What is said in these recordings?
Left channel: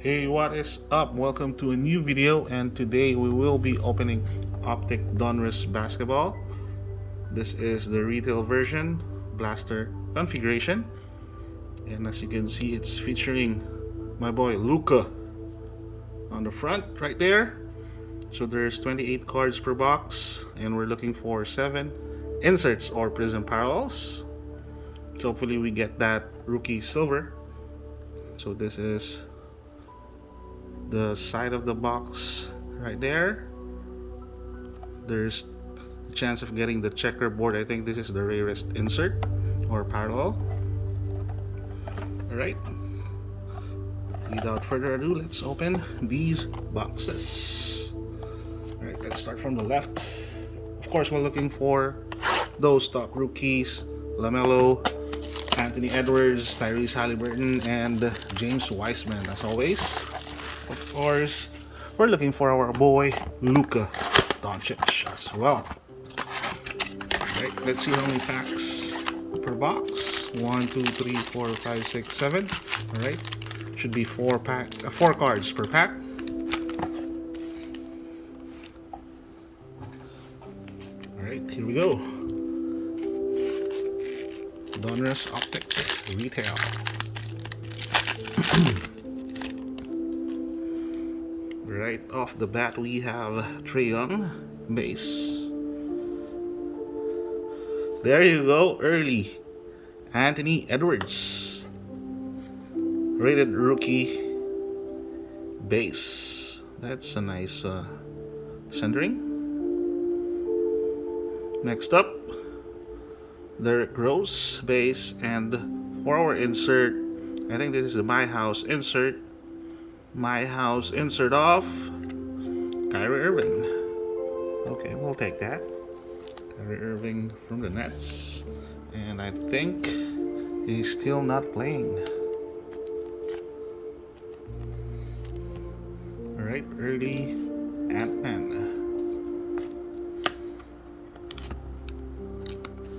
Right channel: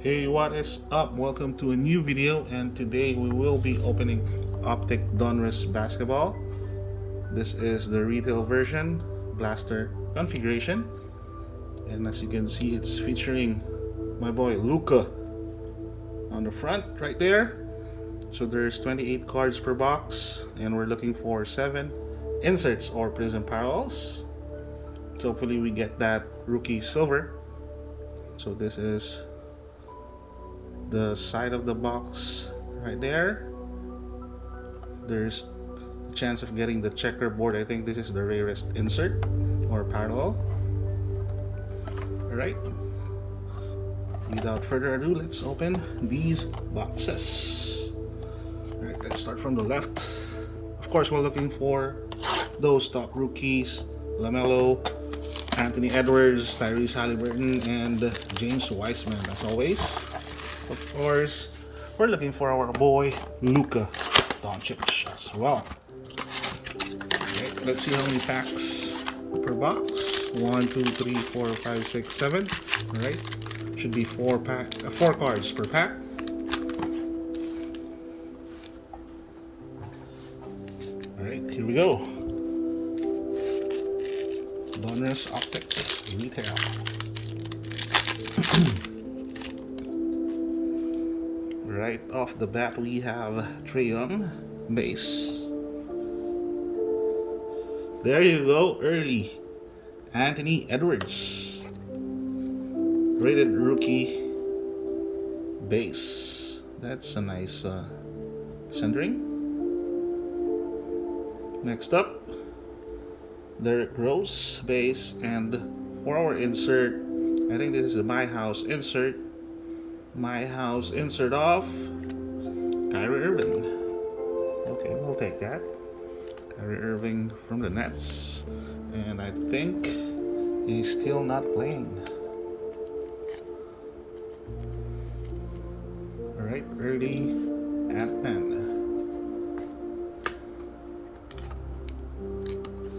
Hey, what is up? Welcome to a new video, and today we will be opening Optic Donruss basketball. This is the retail version blaster configuration, and as you can see, it's featuring my boy Luca on the front right there. So there's 28 cards per box, and we're looking for 7 inserts or prism parallels. So hopefully we get that rookie silver. So this is the side of the box right there. There's a chance of getting the checkerboard. I think this is the rarest insert or parallel. Alright, without further ado, let's open these boxes. Alright, let's start from the left. Of course, we're looking for those top rookies: LaMelo, Anthony Edwards, Tyrese Halliburton, and James Wiseman. As always, of course, we're looking for our boy Luka Doncic as well. Alright, let's see how many packs per box. 1, 2, 3, 4, 5, 6, 7. Alright, should be 4 cards per pack. Alright, here we go. Donruss Optic Retail. Right off the bat, we have Trae Young base. There you go, early. Anthony Edwards, rated rookie base. That's a nice centering. Next up, Derrick Rose base, and for our insert, I think this is the My House insert. My House insert of Kyrie Irving. Okay, we'll take that. Kyrie Irving from the Nets, and I think he's still not playing. Alright, early Ant-Man.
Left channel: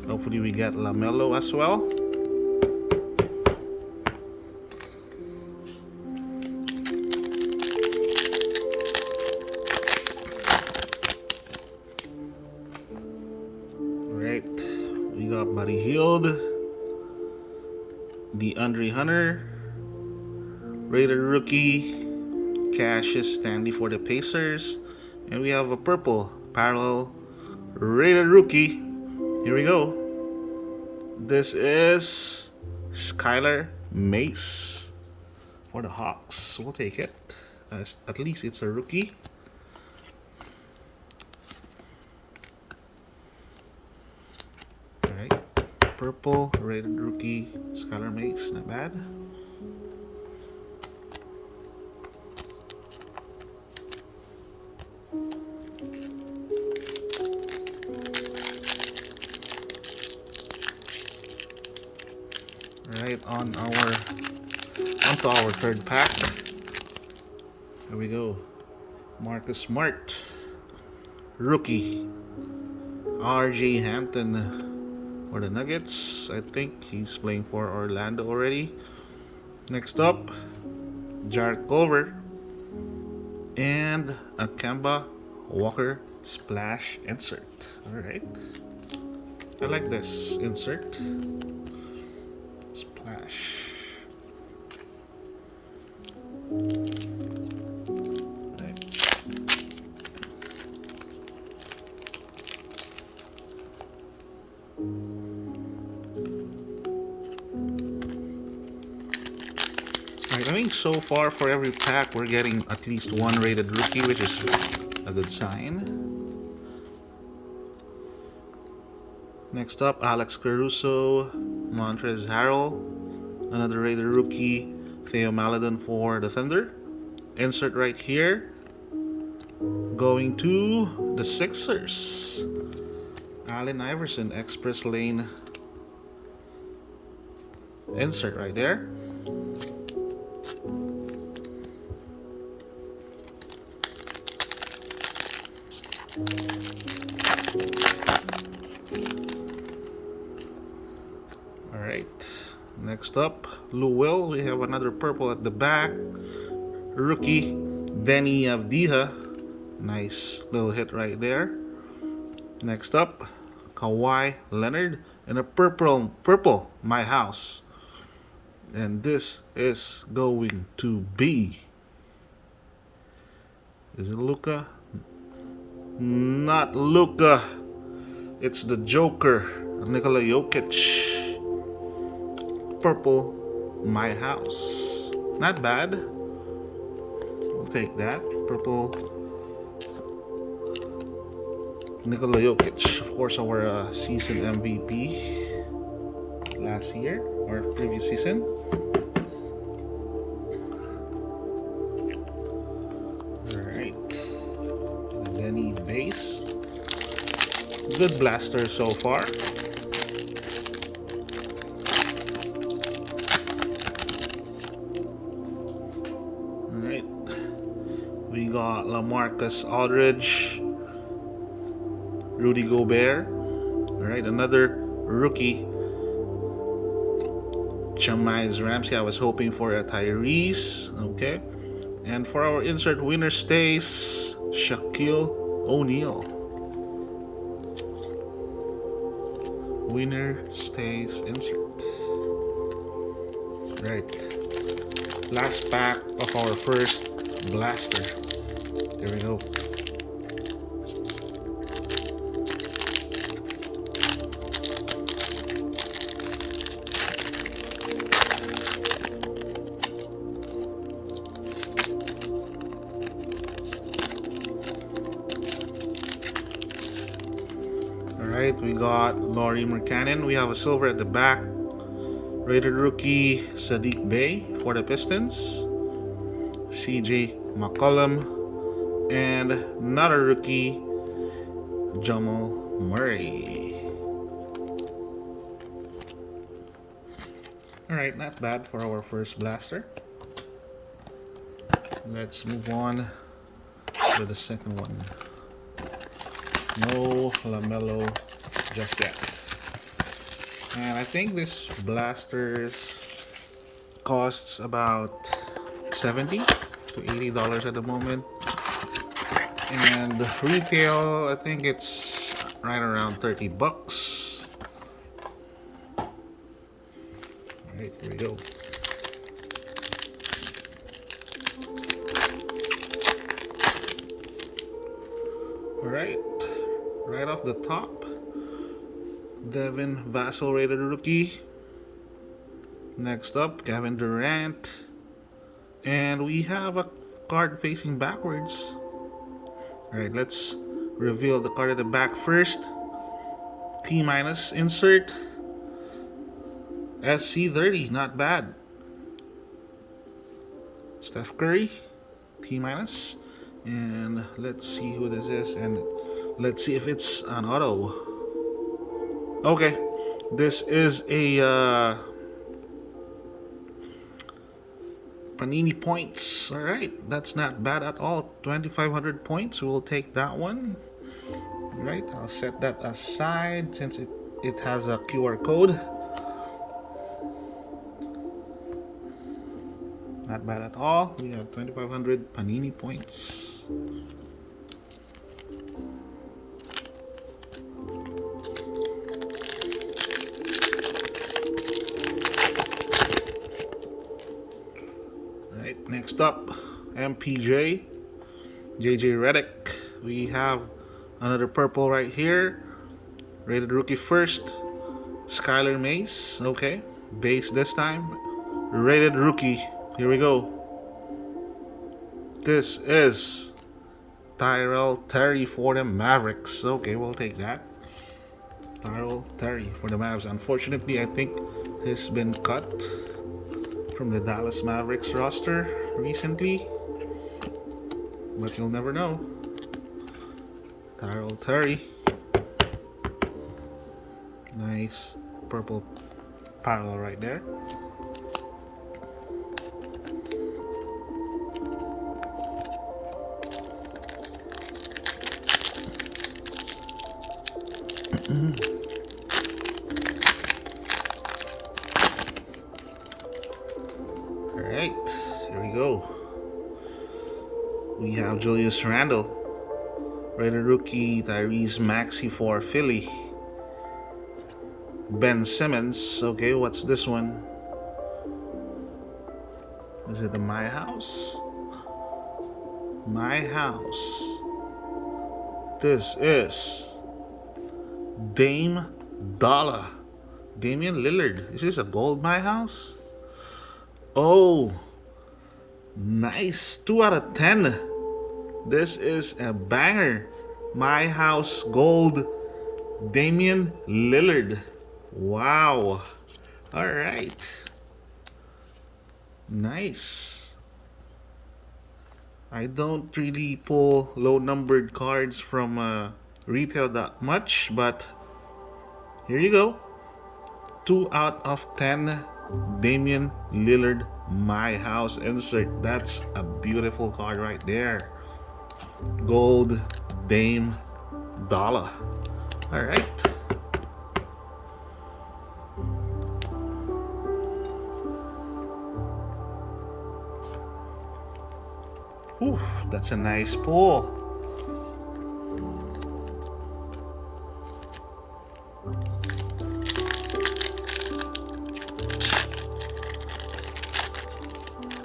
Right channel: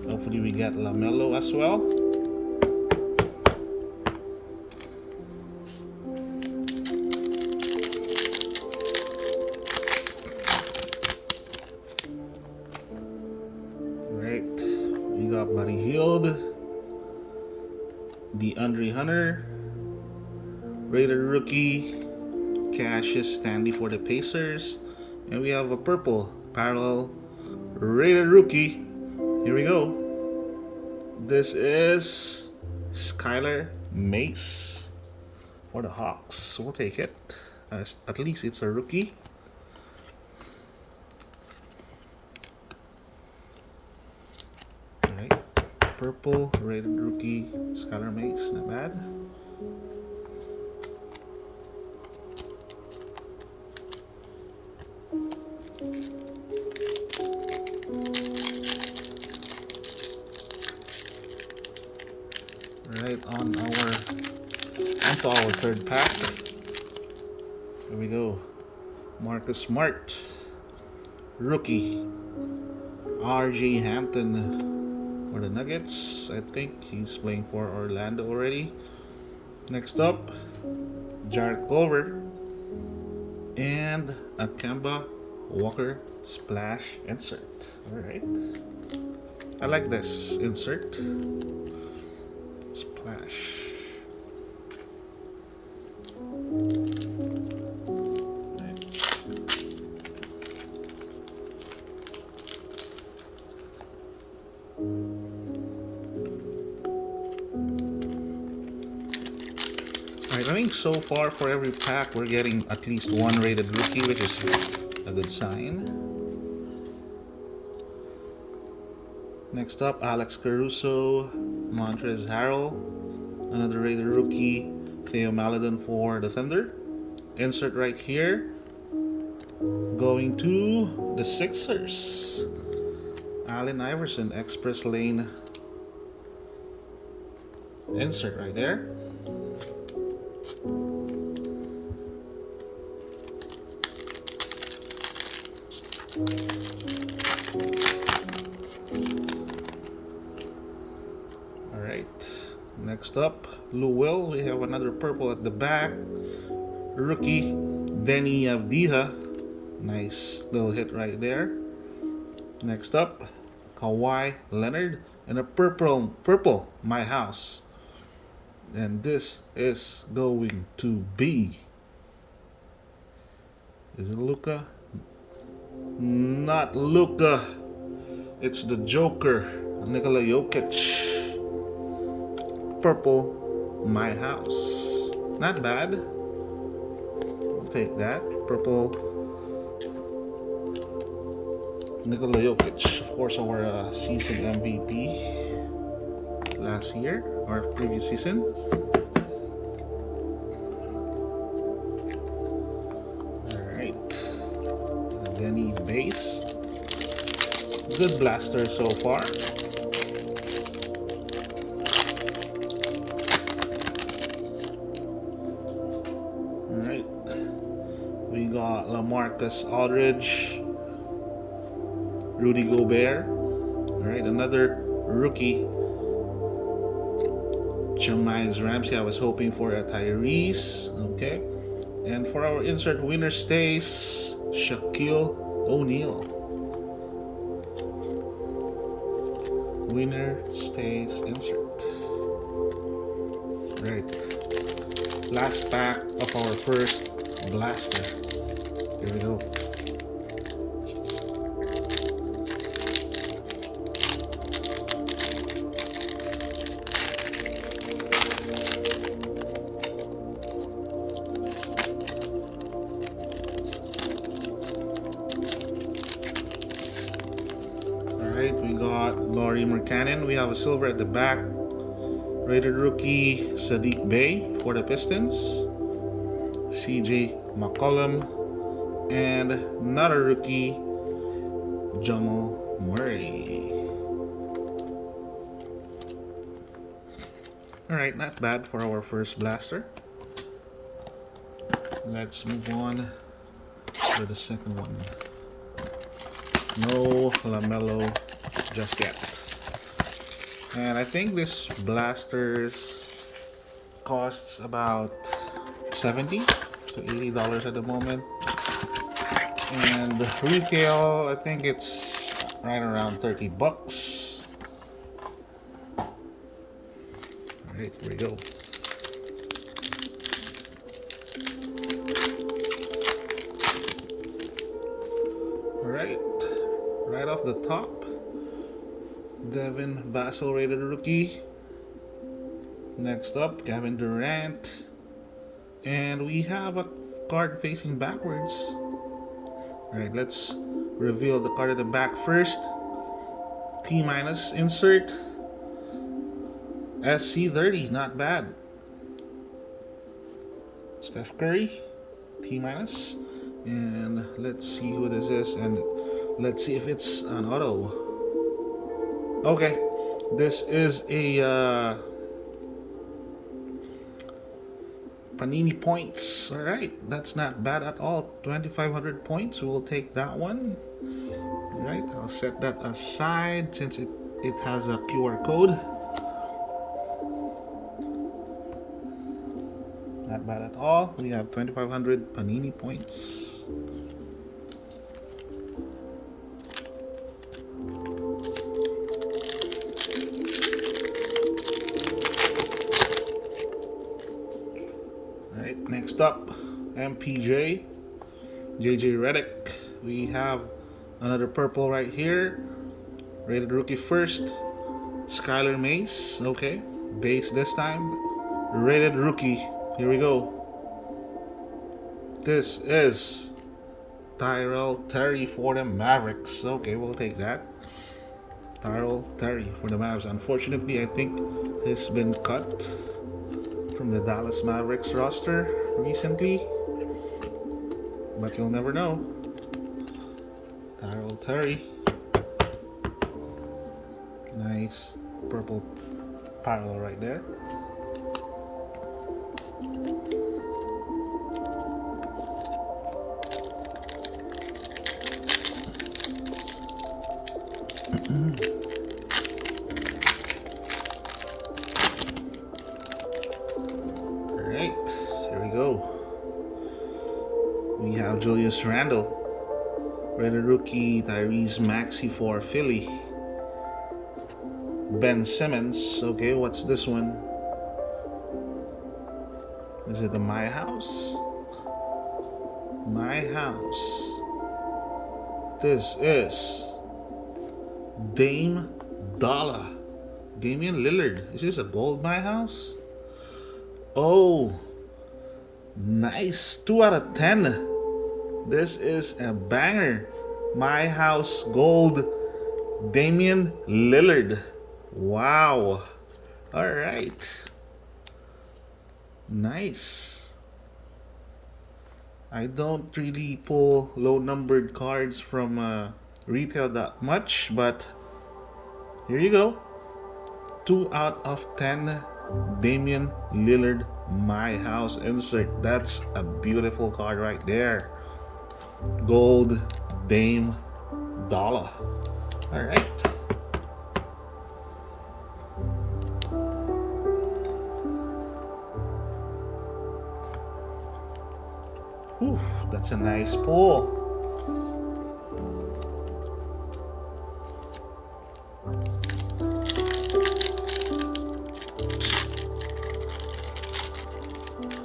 Hopefully we get LaMelo as well. Alright, we got Buddy Hield, DeAndre Hunter, rated rookie, Cassius Stanley for the Pacers, and we have a purple parallel rated rookie. Here we go. This is Skylar Mace for the Hawks. We'll take it. At least it's a rookie. Alright. Purple rated rookie Skylar Mace. Not bad. Right, onto our third pack. Here we go. Marcus Smart, rookie. RJ Hampton for the Nuggets. I think he's playing for Orlando already. Next up, Jarrett Culver and a Kemba Walker splash insert. Alright, I like this insert. Splash. Alright, I think so far for every pack we're getting at least one rated rookie, which is a good sign. Next up, Alex Caruso, Montrezl Harrell, another rated rookie, Theo Maledon for the Thunder. Insert right here. Going to the Sixers, Allen Iverson, Express Lane insert right there. Alright, next up, Lou Will. We have another purple at the back, rookie Denny Avdija. Nice little hit right there. Next up, Kawhi Leonard and a purple My House. And this is going to be, is it Luka? Not Luka. It's the Joker, Nikola Jokic. Purple My House. Not bad. We'll take that. Purple Nikola Jokic, of course, our season MVP last year or previous season. Alright. And then he base. Good blaster so far. Alright. We got LaMarcus Aldridge, Rudy Gobert. Alright, another rookie. Shamai's Ramsey. I was hoping for a Tyrese. Okay. And for our insert winner stays Shaquille O'Neal. Winner stays insert. Right. Last pack of our first blaster. Here we go. Alright, we got Lauri Markkanen. We have a silver at the back. Rated rookie Sadiq Bey for the Pistons. CJ McCollum. And another rookie, Jamal Murray. Alright, not bad for our first blaster. Let's move on to the second one. No LaMelo just yet. And I think this blasters costs about $70 to $80 at the moment. And retail, I think it's right around $30. Alright, here we go. Alright, right off the top, Devin Vassell rated rookie. Next up, Kevin Durant. And we have a card facing backwards. Alright, let's reveal the card at the back first. T- insert. SC30, not bad. Steph Curry, T-. And let's see who this is, and let's see if it's an auto. Okay, this is a Panini points. All right, that's not bad at all. 2,500 points. We'll take that one. All right, I'll set that aside since it has a QR code. Not bad at all. We have 2,500 Panini points. Alright, next up, MPJ, JJ Redick. We have another purple right here. Rated rookie first, Skylar Mace. Okay, base this time. Rated rookie. Here we go. This is Tyrell Terry for the Mavericks. Okay, we'll take that. Tyrell Terry for the Mavs. Unfortunately, I think he's been cut from the Dallas Mavericks roster recently. But you'll never know. Tyrell Terry. Nice purple parallel right there. Alright, here we go. We have Julius Randle, rated rookie. Tyrese Maxey for Philly. Ben Simmons. Okay, what's this one? Is it the My House? My House. This is Dame Dollar. Damian Lillard. Is this a gold My House? Oh, nice. 2 out of 10. This is a banger. My House gold. Damian Lillard. Wow. All right. Nice. I don't really pull low numbered cards from retail that much, but here you go. 2 out of 10 Damian Lillard My House insert. That's a beautiful card right there. Gold Dame Dollar. All right. Whew, that's a nice pull.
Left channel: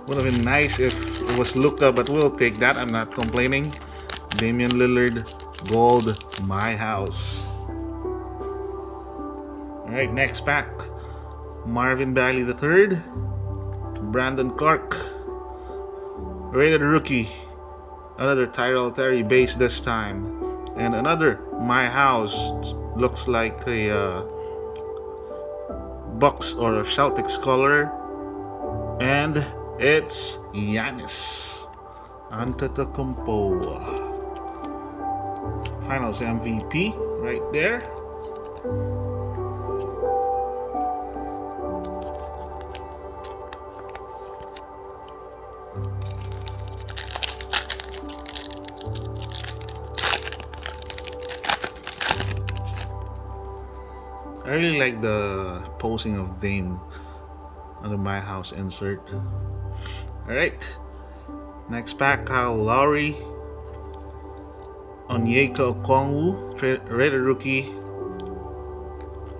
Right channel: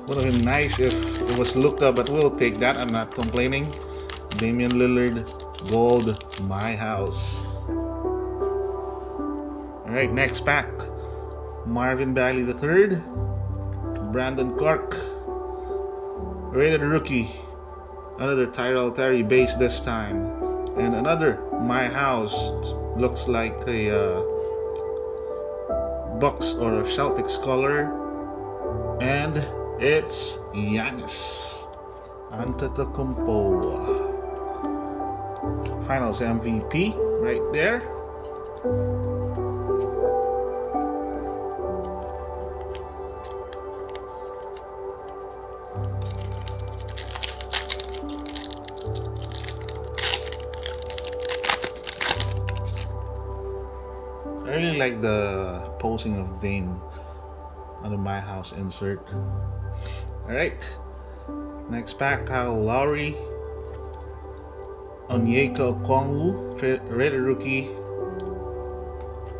Would have been nice if it was Luka, but we'll take that. I'm not complaining. Damian Lillard, gold, My House. All right, next pack. Marvin Bagley III, Brandon Clark, rated rookie. Another Tyrell Terry base this time, and another My House. Looks like a Bucks or a Celtics color, and it's Giannis Antetokounmpo. Finals MVP right there. I really like the posing of Dame under My House insert. Alright, next pack, Kyle Lowry, Onyeka Okongwu, rated rookie,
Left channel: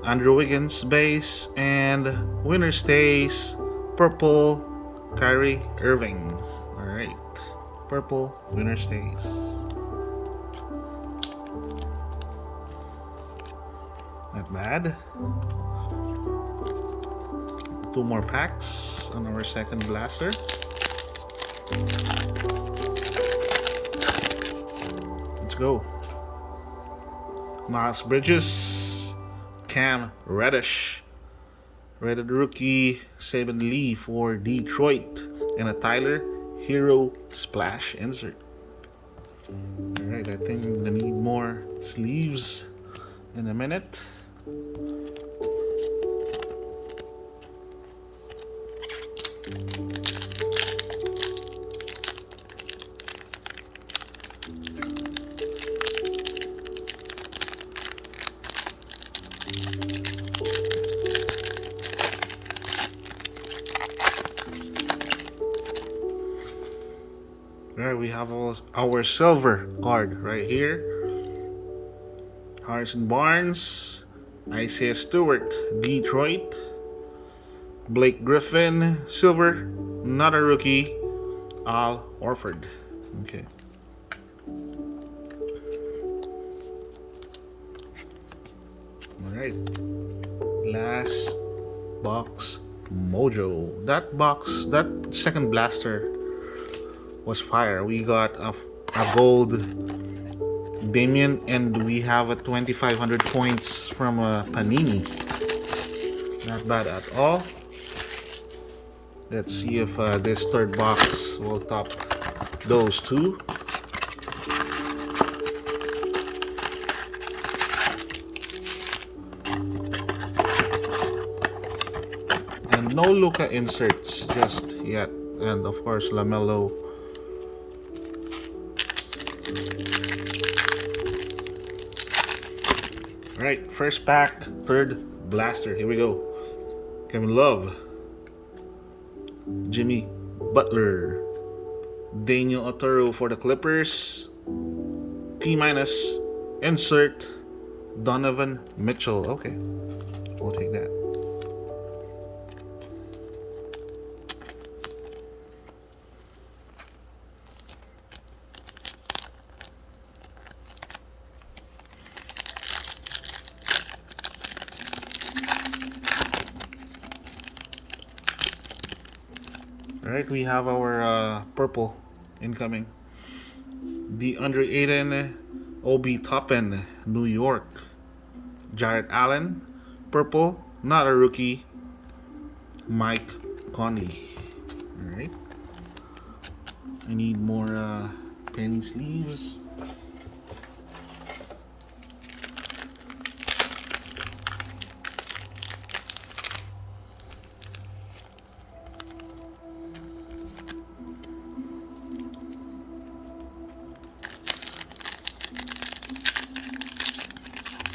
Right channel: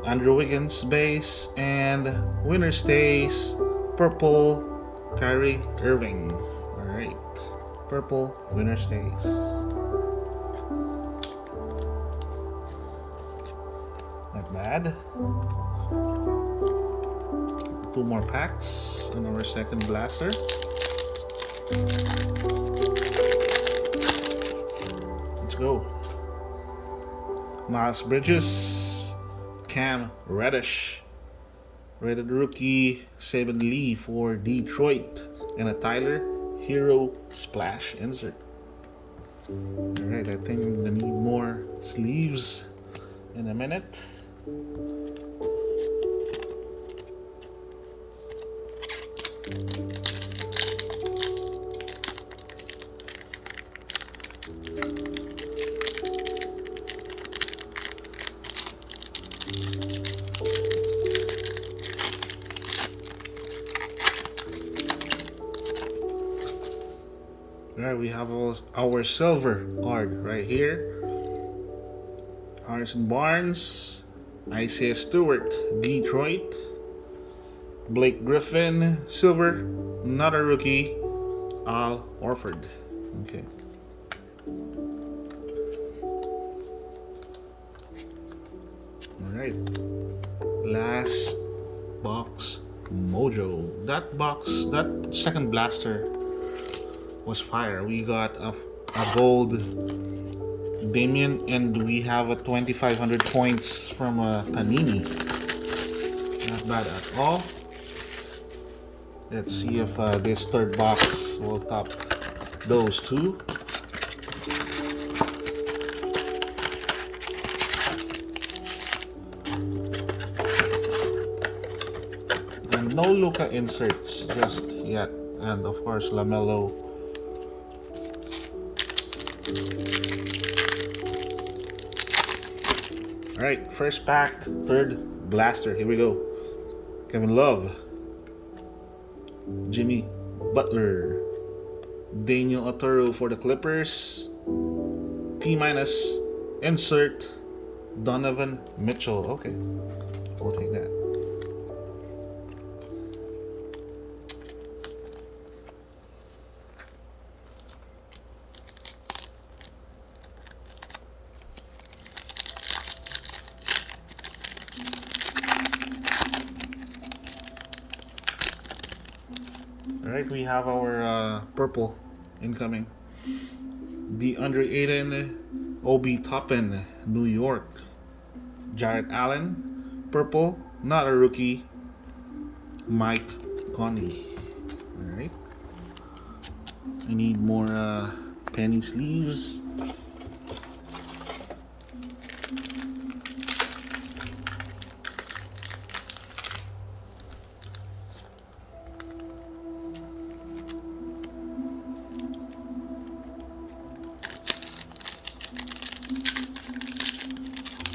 Andrew Wiggins base, and winner stays purple, Kyrie Irving. Alright, purple winner stays. Not bad. 2 more packs on our second blaster. Let's go. Miles Bridges, Cam Reddish, rated rookie, Saban Lee for Detroit, and a Tyler Hero Splash insert. Alright, I think I'm gonna need more sleeves in a minute. Alright, we have our silver card right here. Harrison Barnes, Isaiah Stewart, Detroit, Blake Griffin, silver, not a rookie, Al Horford. Okay. Alright. Last box mojo. That second blaster was fire. We got a gold Damian, and we have a 2,500 points from Panini. Not bad at all. Let's see if this third box will top those two. And no Luka inserts just yet. And of course, LaMelo. Alright, first pack, third blaster. Here we go. Kevin Love, Jimmy Butler, Daniel Otero for the Clippers. T minus. Insert Donovan Mitchell. Okay, we'll take that. Alright, we have our purple incoming. The under Aiden Obi Toppin, New York. Jarrett Allen, purple, not a rookie. Mike Conley. Alright. I need more penny sleeves.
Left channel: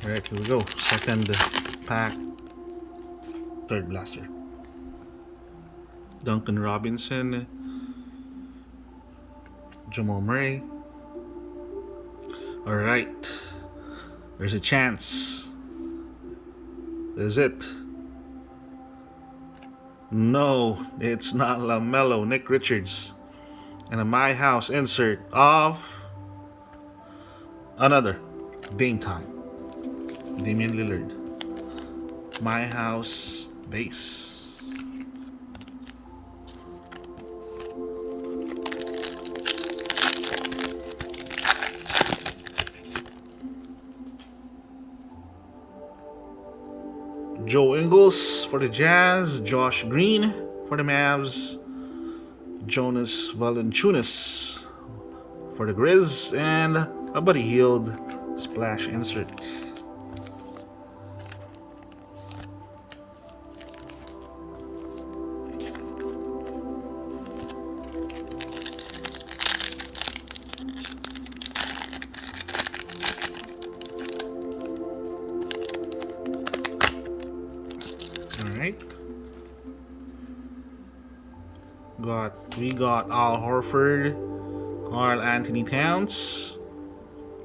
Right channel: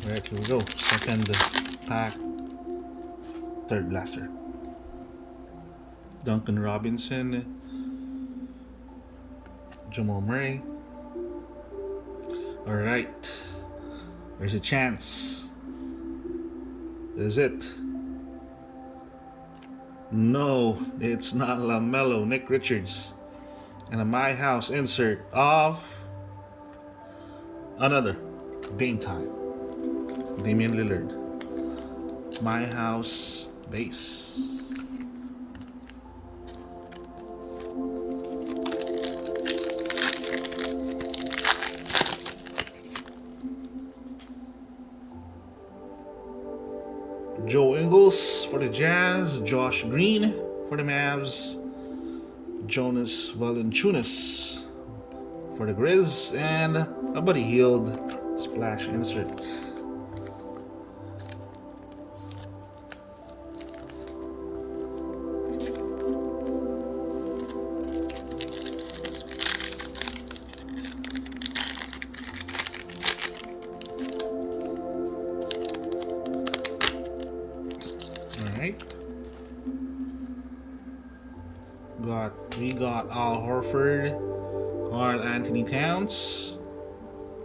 Alright, here we go. Second pack. Third blaster. Duncan Robinson. Jamal Murray. Alright. There's a chance. Is it? No, it's not LaMelo. Nick Richards. And a My House insert of another Dame Time. Damian Lillard. My House base. Joe Ingles for the Jazz. Josh Green for the Mavs. Jonas Valanciunas for the Grizz. And a Buddy Hield splash insert. Alright. We got Al Horford, Karl Anthony Towns,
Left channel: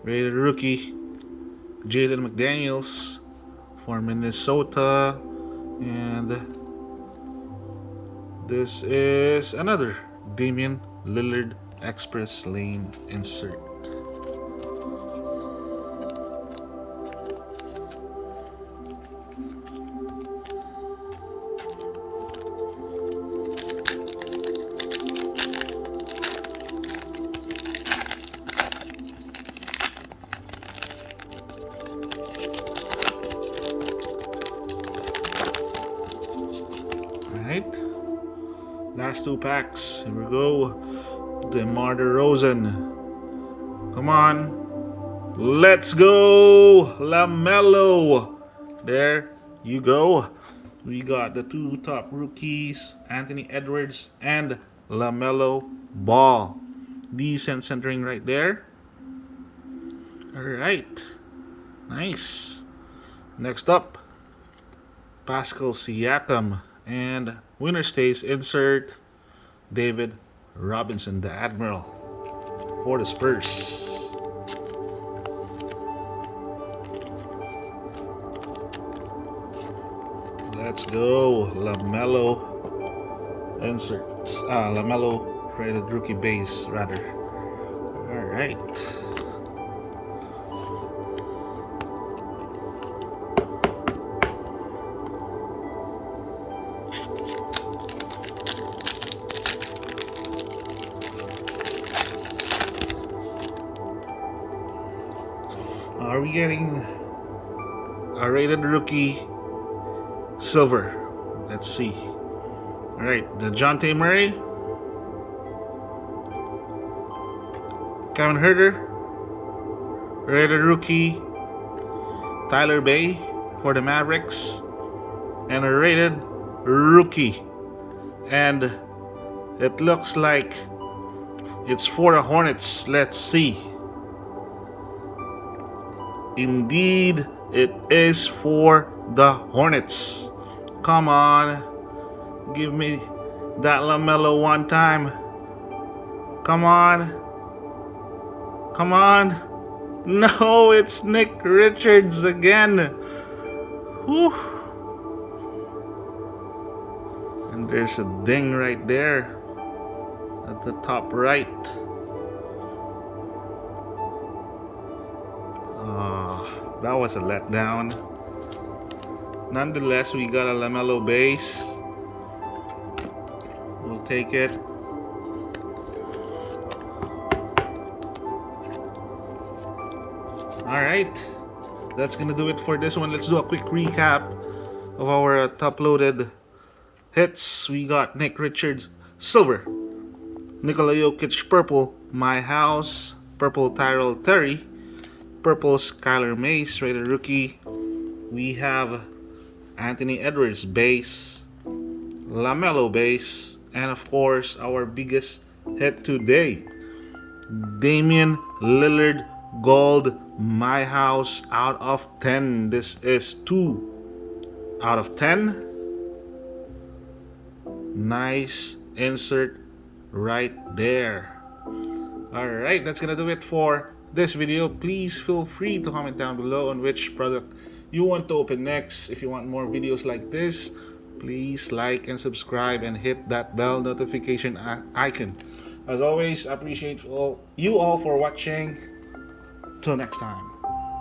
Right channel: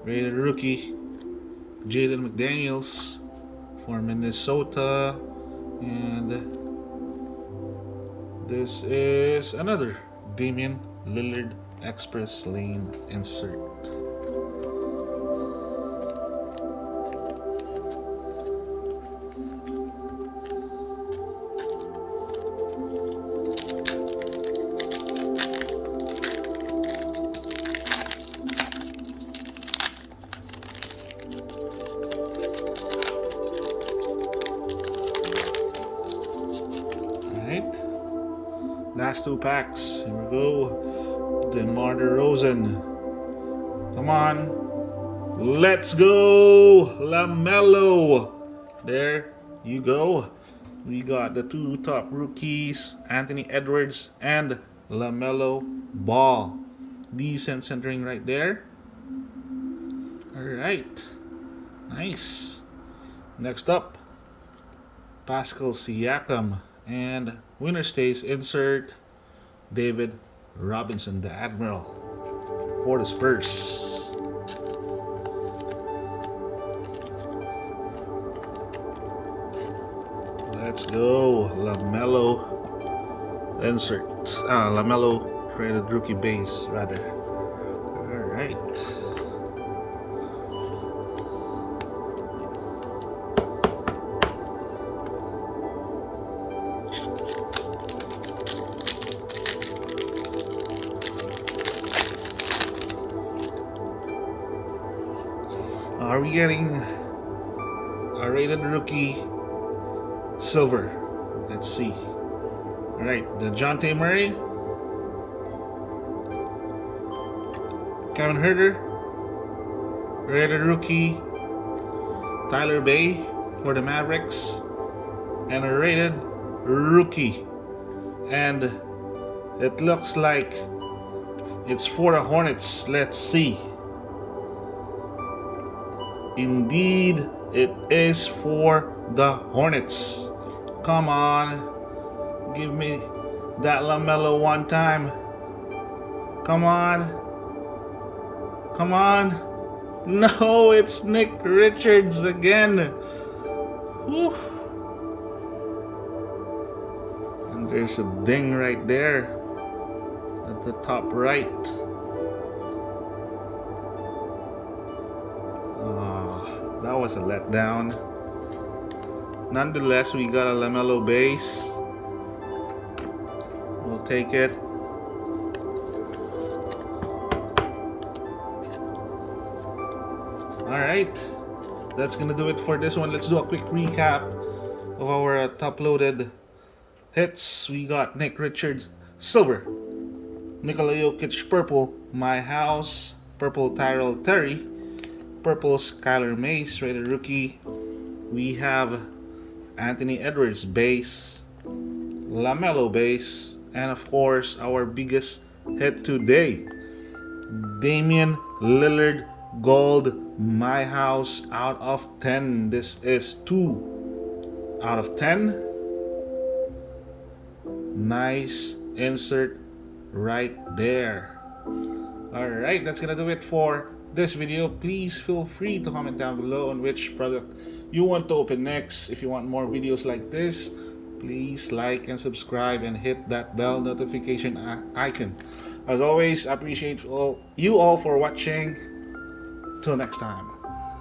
rated rookie, Jaden McDaniels for Minnesota, and this is another Damian Lillard Express Lane insert. Alright, last two packs. Here we go. DeMar DeRozan. Come on. Let's go. LaMelo. There you go. We got the two top rookies, Anthony Edwards and LaMelo Ball. Decent centering right there. Alright. Nice. Next up, Pascal Siakam. And winner stays insert David Robinson, the Admiral, for the Spurs. Let's go. LaMelo insert. LaMelo rated rookie base, rather. Alright. Are we getting a rated rookie silver? Let's see. Alright, the DeJounte Murray, Kevin Huerter, rated rookie Tyler Bay for the Mavericks, and a rated rookie. And it looks like it's for the Hornets. Let's see. Indeed, it is for the Hornets. Come on. Give me that LaMelo one time. Come on. Come on. No, it's Nick Richards again. Whew. And there's a ding right there at the top right. That was a letdown. Nonetheless, we got a LaMelo base. We'll take it. Alright, that's gonna do it for this one. Let's do a quick recap of our top-loaded hits. We got Nick Richards, silver. Nikola Jokic, purple. My House, purple Tyrell Terry. Purple Skylar Mays, rated rookie. We have Anthony Edwards, base. LaMelo base. And of course, our biggest hit today, Damian Lillard, gold. My House, out of 10. This is 2 out of 10. Nice insert right there. Alright, that's gonna do it for this video. Please feel free to comment down below on which product you want to open next. If you want more videos like this, please like and subscribe and hit that bell notification icon. As always, I appreciate you all for watching. Till next time.